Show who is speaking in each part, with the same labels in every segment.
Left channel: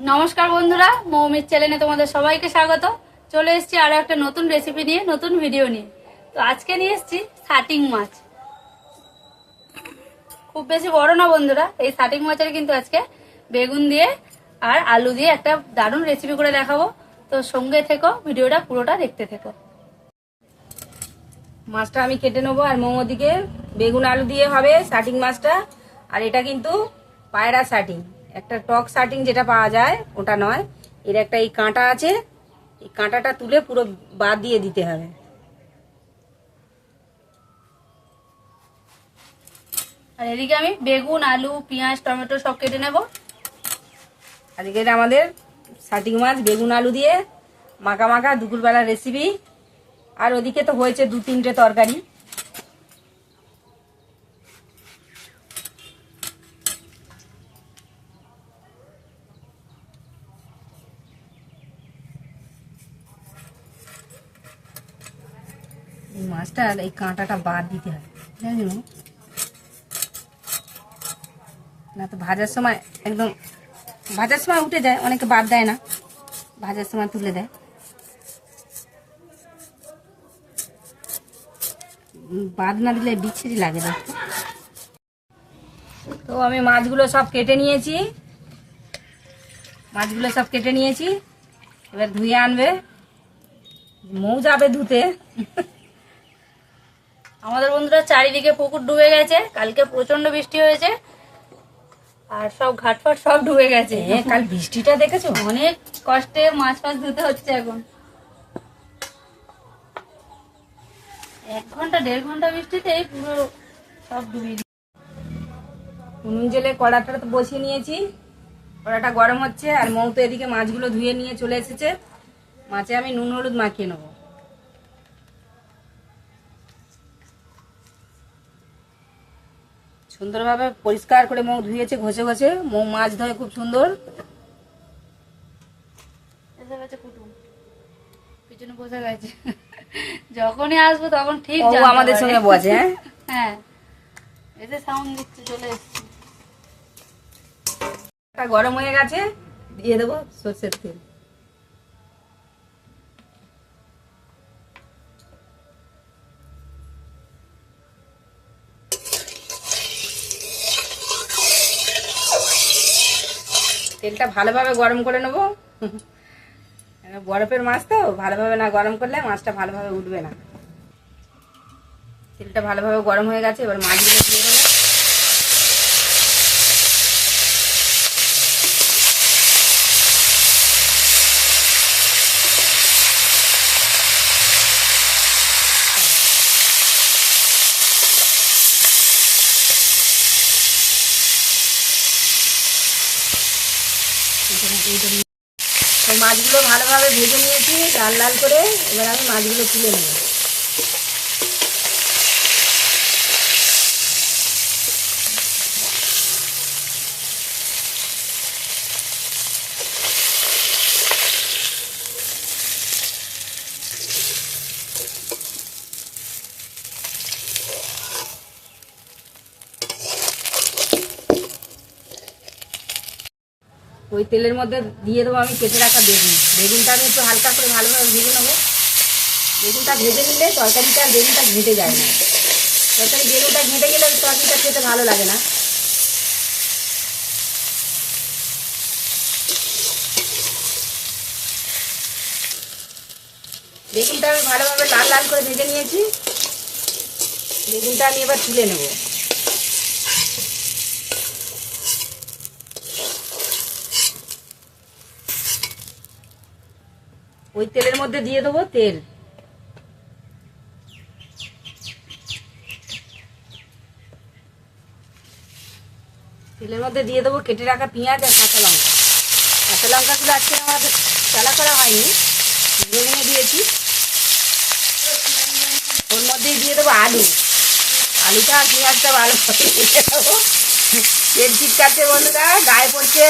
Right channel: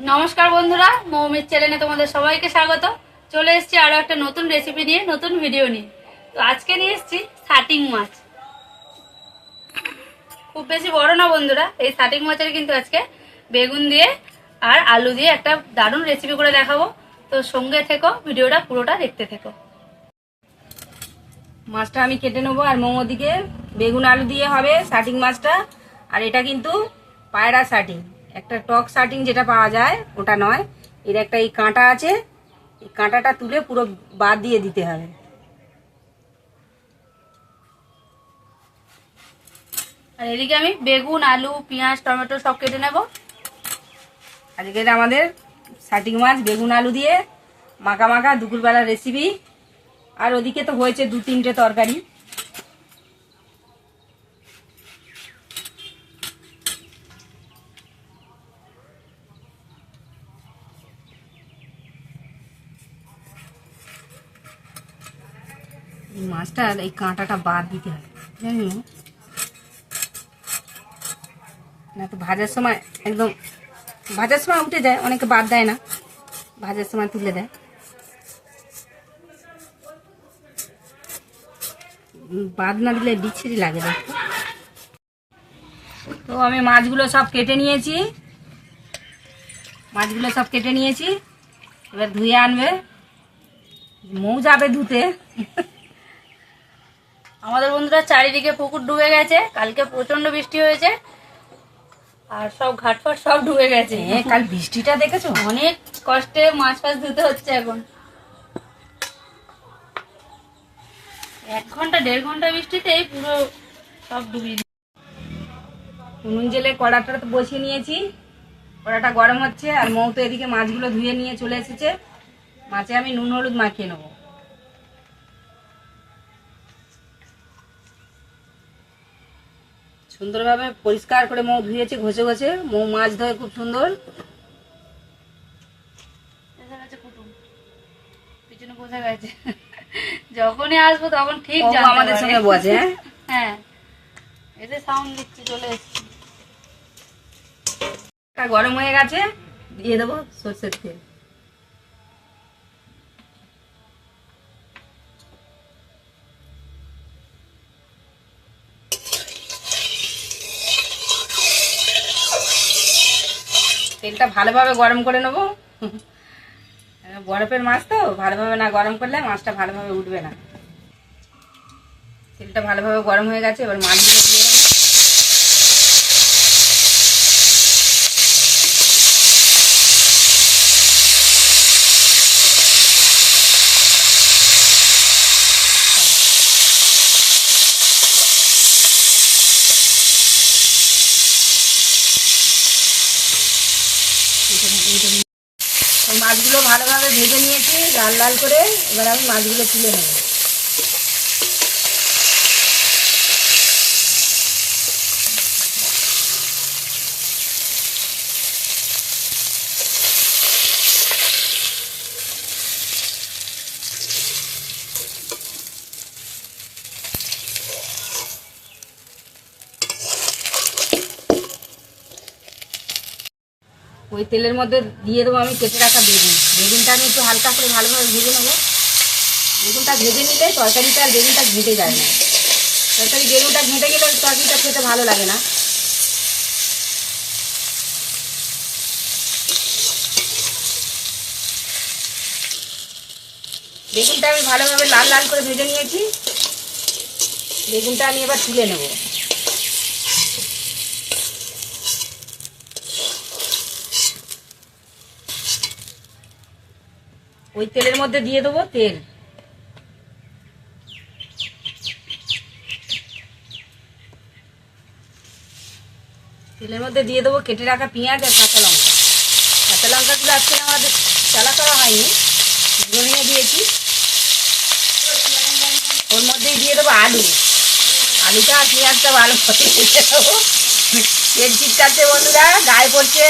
Speaker 1: নমস্কার বন্ধুরা, মৌমির চ্যানেলে তোমাদের সবাইকে স্বাগত। চলে এসেছি আরও একটা নতুন রেসিপি নিয়ে, নতুন ভিডিও নিয়ে। তো আজকে নিয়ে এসেছি সাটিং মাছ। খুব বেশি বড় না বন্ধুরা, এই সাটিং মাছের কিন্তু আজকে বেগুন দিয়ে আর আলু দিয়ে একটা দারুণ রেসিপি করে দেখাবো। তো সঙ্গে থেকো ভিডিওটা পুরোটা দেখতে থেকো।
Speaker 2: মাছটা আমি কেটে নেব আর মোমো দিকে। বেগুন আলু দিয়ে হবে শাটিং মাছটা। আর এটা কিন্তু পায়রা শাটিং একটা টক শাটিং যেটা পাওয়া যায়, ওটা নয়। এর একটা এই কাঁটা আছে, এই কাঁটাটা তুলে পুরো বাদ দিয়ে দিতে হবে।
Speaker 1: আর এদিকে আমি বেগুন, আলু, পেঁয়াজ, টমেটো সব কেটে নেব।
Speaker 2: আজকে এটা আমাদের শাটিং মাছ, বেগুন, আলু দিয়ে মাখা মাখা দুপুরবেলার রেসিপি আর ওদিকে তো হয়েছে দু তিনটে তরকারি। এই মাছটা এই কাঁটাটা বাদ দিতে হবে জানি না? তো ভাজার সময় একদম, ভাজার সময় উঠে যায়, অনেকে বাদ দেয় না। ভাজার সময় তুলে দেয়। বাদ না দিলে বিচ্ছিরি লাগে দেখতে। তো আমি মাছগুলো সব কেটে নিয়েছি। মাছগুলো সব কেটে নিয়েছি। এবার ধুয়ে আনবে। মৌ যাবে ধুতে।
Speaker 1: আমাদের বন্ধুরা চারিদিকে পুকুর ডুবে গেছে। কালকে প্রচণ্ড বৃষ্টি হয়েছে। আর সব ঘাটফাট সব ডুবে গেছে।
Speaker 2: কাল বৃষ্টিটা দেখেছ?
Speaker 1: অনেক কষ্টে মাছ ফাছ ধুতে হচ্ছে এখন। এক ঘণ্টা দেড় ঘণ্টা বৃষ্টিতেই পুরো সব ডুবে।
Speaker 2: উনুন জেলে কড়াটা তো বসিয়ে নিয়েছি। কড়াটা গরম হচ্ছে আর মৌ তো এদিকে মাছগুলো ধুয়ে নিয়ে চলে এসেছে। মাছে আমি নুন হলুদ মাখিয়ে নেব। সুন্দরভাবে পরিষ্কার করে মৌ ধুয়েছে ঘষে ঘষে। মৌ মাছ ধরে খুব সুন্দর।
Speaker 1: পিছনে গেছে। যখনই আসব তখন ঠিক
Speaker 2: ও আমাদের সঙ্গে বসে হ্যাঁ?
Speaker 1: হ্যাঁ। এতে সাউন্ড দিচ্ছে চলে এসছে।
Speaker 2: গরম হয়ে গেছে দিয়ে দেবো সর্ষের তেল। তেলটা ভালোভাবে গরম করে নেব। বরফের মাছ তো, ভালোভাবে না গরম করলে মাছটা ভালোভাবে উঠবে না। তেলটা ভালোভাবে গরম হয়ে গেছে, এবার মাছগুলো দিয়ে মাছগুলো ভালোভাবে ভেজে নিয়েছি লাল লাল করে এবার আমি মাছগুলো তুলে নেব। ওই তেলের মধ্যে দিয়ে দেবো আমি, কেটে রাখা বেগুন। বেগুনটা আমি একটু হালকা করে ভালোভাবে ভেজে নেব। বেগুনটা ভেজে নিলে তরকারিটা আর বেগুনটা ঘেঁটে যায় না। তরকারি বেগুনটা ঘেঁটে গেলে ওই তরকারিটা খেতে ভালো লাগে না। বেগুনটা আমি ভালোভাবে লাল লাল করে ভেজে নিয়েছি। বেগুনটা আমি এবার তুলে নেব। ওই তেলের মধ্যে দিয়ে দেবো তেল। তেলের মধ্যে দিয়ে দেবো কেটে রাখা পেঁয়াজ আর কাঁচা লঙ্কা। কাঁচা লঙ্কাগুলো আজকে আমাদের চালা করা হয়নি ভেঙে দিয়েছি। ওর মধ্যেই দিয়ে দেবো আলু। আলুটা পেঁয়াজটা ভালো করে ভেজে দেবো তেল চিটকাচ্ছে বন্ধুরা, গায়ে পড়ছে।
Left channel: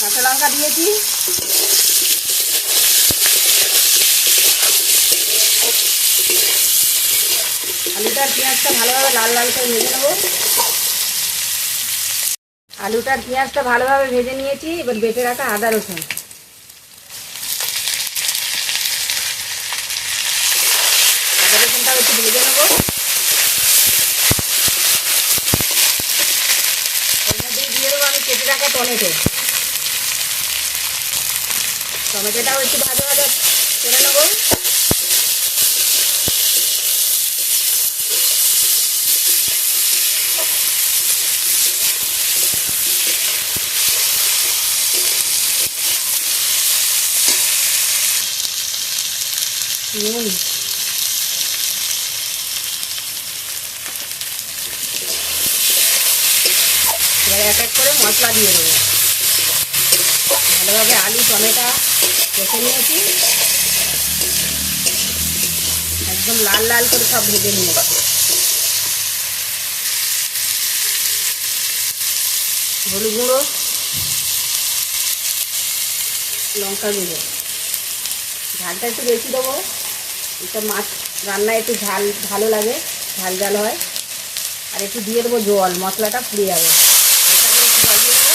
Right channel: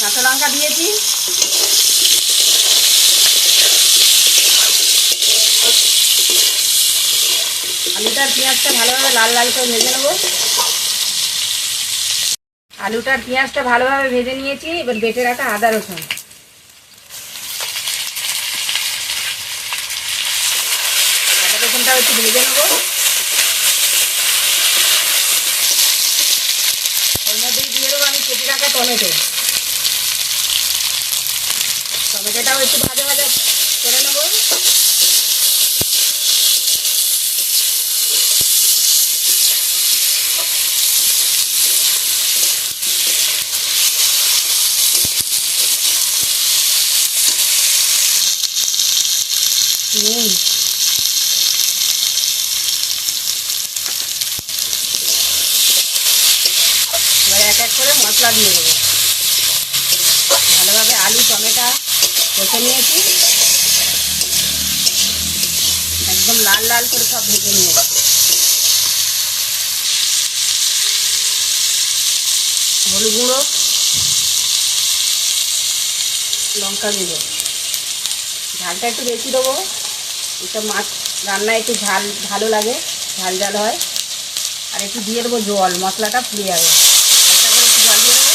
Speaker 2: কাঁচা লঙ্কা দিয়েছি। আলুটা পেঁয়াজটা ভালোভাবে লাল লাল করে ভেজে নেব। আলুটা পেঁয়াজটা ভালোভাবে ভেজে নিয়েছি, এবার বেটে রাখা আদা রসুন। আদা রসুনটা একটু ভেজে নেব। দিয়ে আমি, কেটে টমেটো। টমেটোটাও একটু ভাজা ভাজা করে নেব। নুন এবার এক এক করে মশলা দিয়ে দেবো। ভালোভাবে আলু, টমেটো কষে নিয়েছি। একদম লাল লাল করে সব ভেজে নিয়েছি হলুদ গুঁড়ো, লঙ্কা গুঁড়ো। ঝালটা একটু বেশি দেবো। এইসব মাছ রান্নায় একটু ঝাল ভালো লাগে, ঝাল ঝাল হয়। আর একটু দিয়ে দেবো জল, মশলাটা ফুলে যাবে। একটু জল দিয়ে দেবো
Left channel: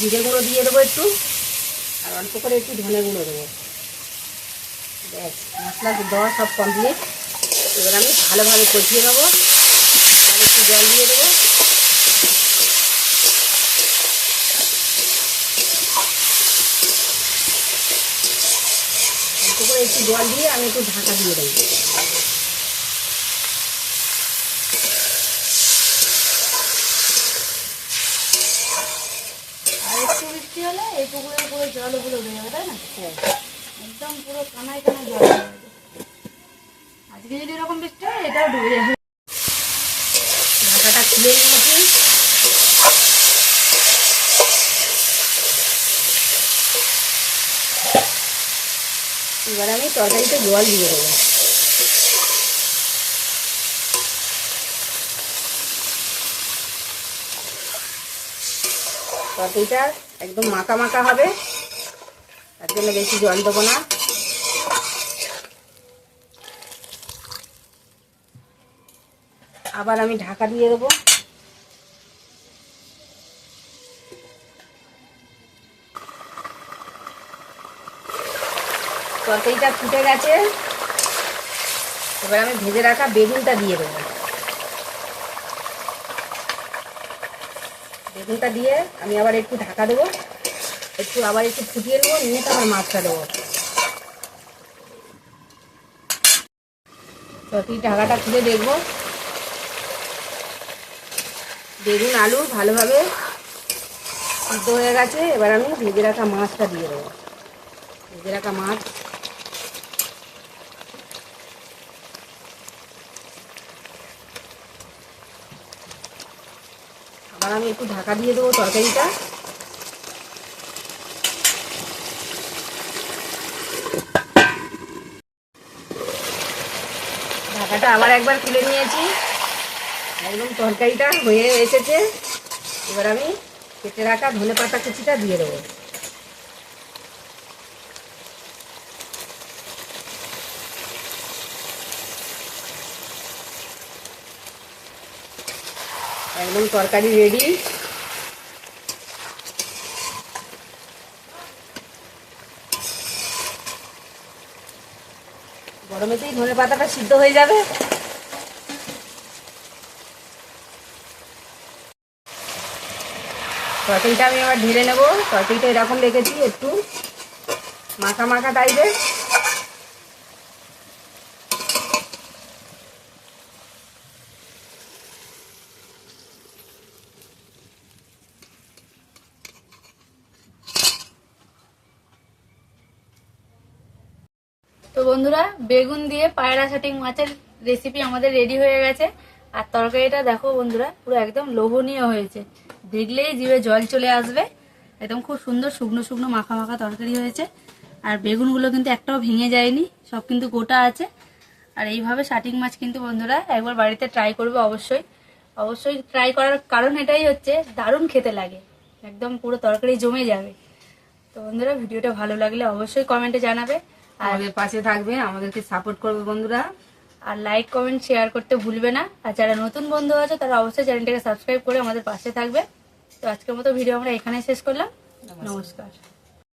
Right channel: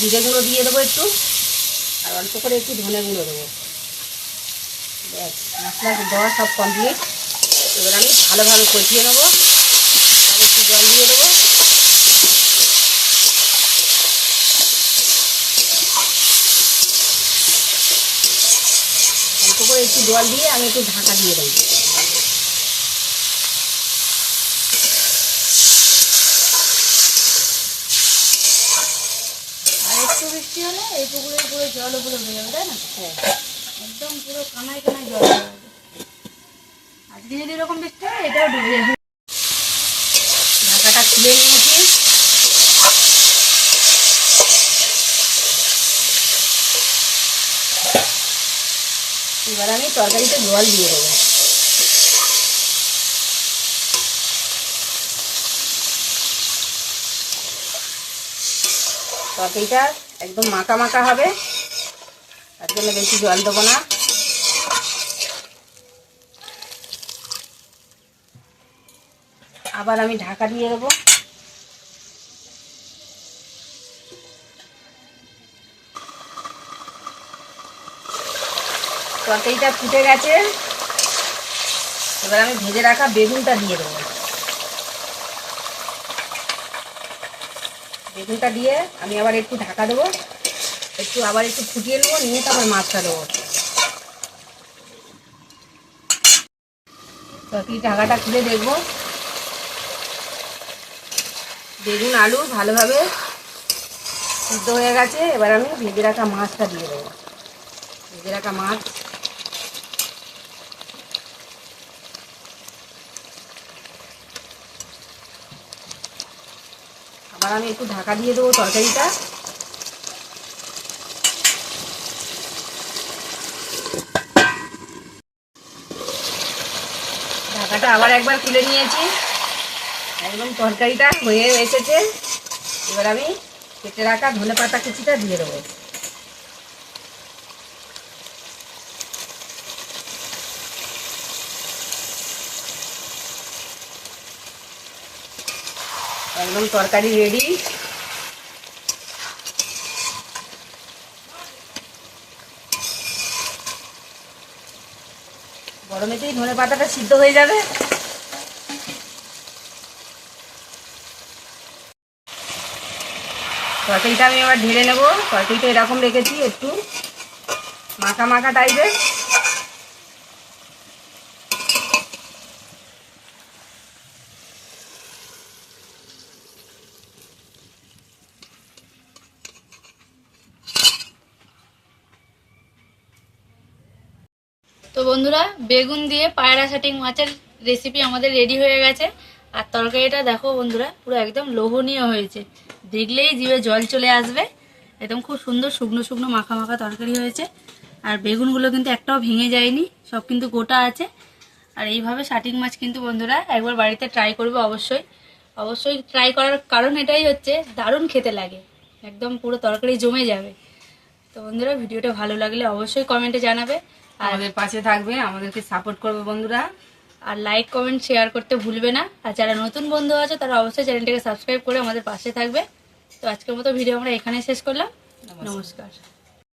Speaker 2: জিরে গুঁড়ো দিয়ে দেবো একটু, আর অল্প করে একটু ধনে গুঁড়ো দেবো। ব্যাস মশলা দেওয়া সব কমপ্লিট এবার আমি ভালোভাবে কষিয়ে নেব। আর একটু জল দিয়ে দেবো। অল্প একটু জল দিয়ে আমি একটু ঢাকা দিয়ে দেবো।
Speaker 1: একটু বৃষ্টি হলে এই পুকুরের পুরো জল ওগুলো হয়ে যাবে তাই না?
Speaker 2: হ্যাঁ।
Speaker 1: একদম পুরো কানায় কানায় জল। যাবে এরকম বৃষ্টি হয় এটাও ডুবে যাবে
Speaker 2: ঢাকাটা খুলে নিয়েছি এবার আমি তরকারিতে জল দিয়ে দেবো। তরকারিটা একদম মাখা মাখা হবে। তার জন্য বেশি জল দেবো না। আবার আমি ঢাকা দিয়ে দেবো। তরকারিটা ফুটে গেছে। এবার আমি ভেজে রাখা বেগুনটা দিয়ে দেবো। বেগুনটা দিয়ে আমি আবার একটু ঢাকা দেবো। একটু আবার একটু ফুটিয়ে নেব, নিয়ে তারপর মাছটা দেবো। তরকারি ঢাকাটা খুলে দেখব। বেগুন, আলু ভালোভাবে সিদ্ধ হয়ে গেছে। এবার আমি ভেজে রাখা মাছটা দিয়ে দেবো। ভেজে রাখা মাছ। আবার আমি একটু ঢাকা দিয়ে দেবো তরকারিটা। ঢাকাটা আবার একবার খুলে নিয়েছি। একদম তরকারিটা হয়ে এসেছে। এবার আমি কেটে রাখা ধনে পাতা কুচিটা দিয়ে দেবো। একদম তরকারি রেডি গরমেতেই ধনে পাতাটা সিদ্ধ হয়ে যাবে। তরকারিটা আমি আবার ঢেলে নেব। তরকারিটা এরকম রেখেছি একটু। মাখা মাখা টাইপের
Speaker 1: তো বন্ধুরা, বেগুন দিয়ে পায়রা শাটিং মাছের রেসিপি আমাদের রেডি হয়ে গেছে। আর তরকারিটা দেখো বন্ধুরা, পুরো একদম লোভনীয় হয়েছে। দেখলেই জিভে জল চলে আসবে। একদম খুব সুন্দর শুকনো শুকনো মাখা মাখা তরকারি হয়েছে। আর বেগুনগুলো কিন্তু একটাও ভেঙে যায়নি, সব কিন্তু গোটা আছে। আর এইভাবে শাটিং মাছ কিন্তু বন্ধুরা একবার বাড়িতে ট্রাই করবে অবশ্যই। অবশ্যই ট্রাই করার কারণ এটাই হচ্ছে, দারুণ খেতে লাগে। একদম পুরো তরকারি জমে যাবে। তো বন্ধুরা, ভিডিওটা ভালো লাগলে অবশ্যই কমেন্টে জানাবে। আর
Speaker 2: আমাদের পাশে থাকবে, আমাদেরকে সাপোর্ট করবে বন্ধুরা।
Speaker 1: আর লাইক কমেন্ট শেয়ার করতে ভুলবে না। আর যারা নতুন বন্ধু আছে তারা অবশ্যই চ্যানেলটাকে সাবস্ক্রাইব করে আমাদের পাশে থাকবে। তো আজকের মতো ভিডিও আমরা এখানে শেষ করলাম। নমস্কার।